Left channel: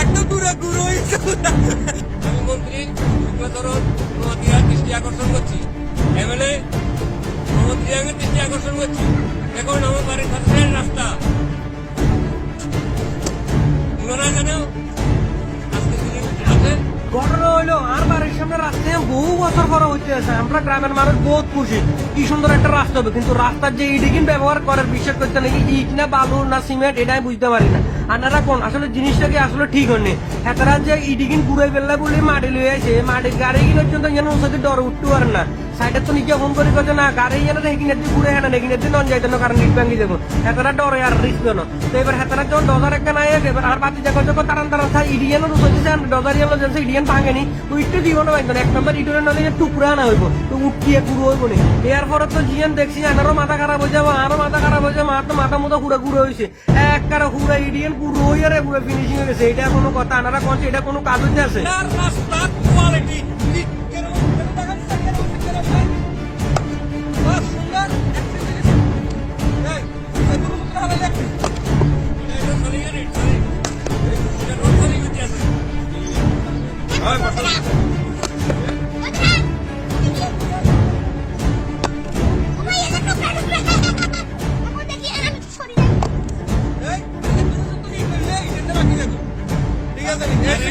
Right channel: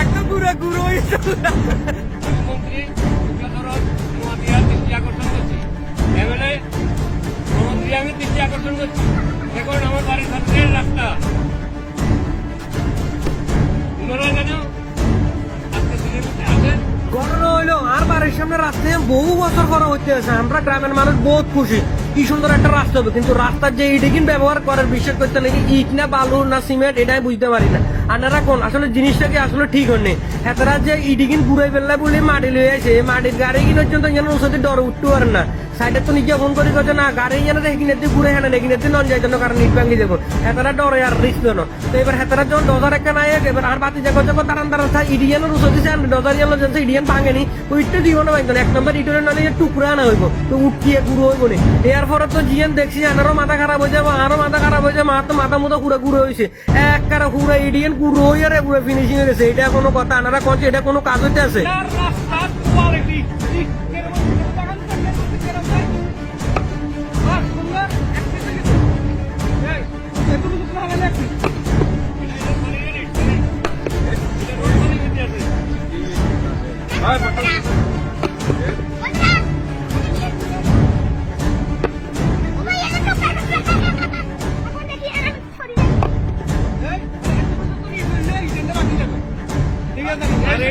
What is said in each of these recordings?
একদম পুরো গুঁড়ো হয়েছে। মুখ্যমন্ত্রী ধরুন তোমাকে দৃষ্টি আকর্ষণ করছি, এমএলএ মন্ত্রী আমি দৃষ্টি আকর্ষণ করছি, এখন আমার বাড়ির সামনের রাস্তা মনে হয় কেন আজকে দিনে আছে। ঘটনা হইলো আর বাড়ির সামনে রাস্তায় বহু বছর করা হচ্ছে। আমরা গ্রামের মানুষ বহুত খুশি, কি সুন্দর একটা রাস্তা হবে, কিন্তু রাস্তার যে ইডিগিন ব্যবহার করার বিশ্বাস করতে নাকি ইট না বালু না সিমেন্ট এটাই বুঝতে পারি না। আনারা কোন আসলে জিনিসটা কি আসলে ঠিক হয়নি। হেতারা যে ইডিগিন ঘুরাই ফেললা বলে মাটি লয়ে আছে, মাটির গাড়ি কিনার জন্য যেন ওষুধে ডর উঠতে পারে না। সাইডে তো নিজে ফোন করে কথা না গাড়ি যেন এখানে দিয়ে ঘুরে হেনা এখানে দিয়ে নন যাইতো না, কারণ ইট ভাঙি যাবো। হেতারা ডরে আর রিস্ক হলো। তো এবার হেতারা যখন ডজার একটা নাই এবার আর বাতি যখন যখন তারান তারা ইডিয়ানের ওষুধ দিচ্ছে ডজার ইয়ালো যেন ইডিয়ান ভাঙেনি ওইটা জীবনে ভাঙতো না। এক নম্বর ইটনের নালে টুকরা আনা হইব তো উঠিয়ে গুঁড়ো হইব না। এর পরে তো জিয়ান দেখছি আনারও মাথা খারাপ হয়ে যাবো, আরো মাথা খারাপ হয়ে যাবো, তো মাথা মতো পুরো গুঁড়ো হয়েছে। এক কারা পুরো ইডিয়ান গুঁড়ো হয়ে রে পুরো ফিনিশিং হয়ে গেছে। এটা কোনো কথা আনারা কনছে এটা কোনো কাজ হইতে আছে? রাস্তার কোয়ালিটি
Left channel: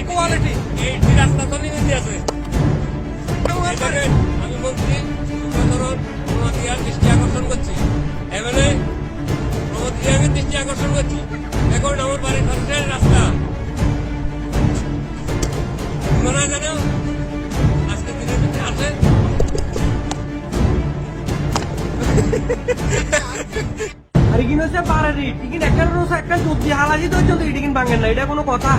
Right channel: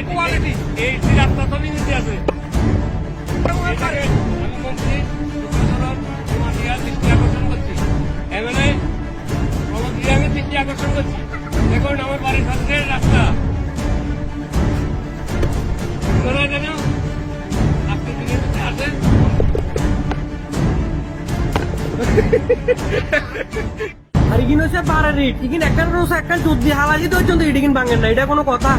কোয়ালিটি এই রাস্তা তো নিচে আছে। আমি বলছি ধরুন তোমাকে দৃষ্টি আকর্ষণ করছি, এমএলএ মন্ত্রী আমি দৃষ্টি আকর্ষণ করছি, এখন আমার বাড়ির সামনের রাস্তা মনে হয় কেন আজকে দিনে আছে। আর ইগিন হচ্ছে বাড়ার ইট ইগিন একটা রোজ একটা যদি হালালি তো ইডিগিন ভাঙেন না, এটা কোনো কথা?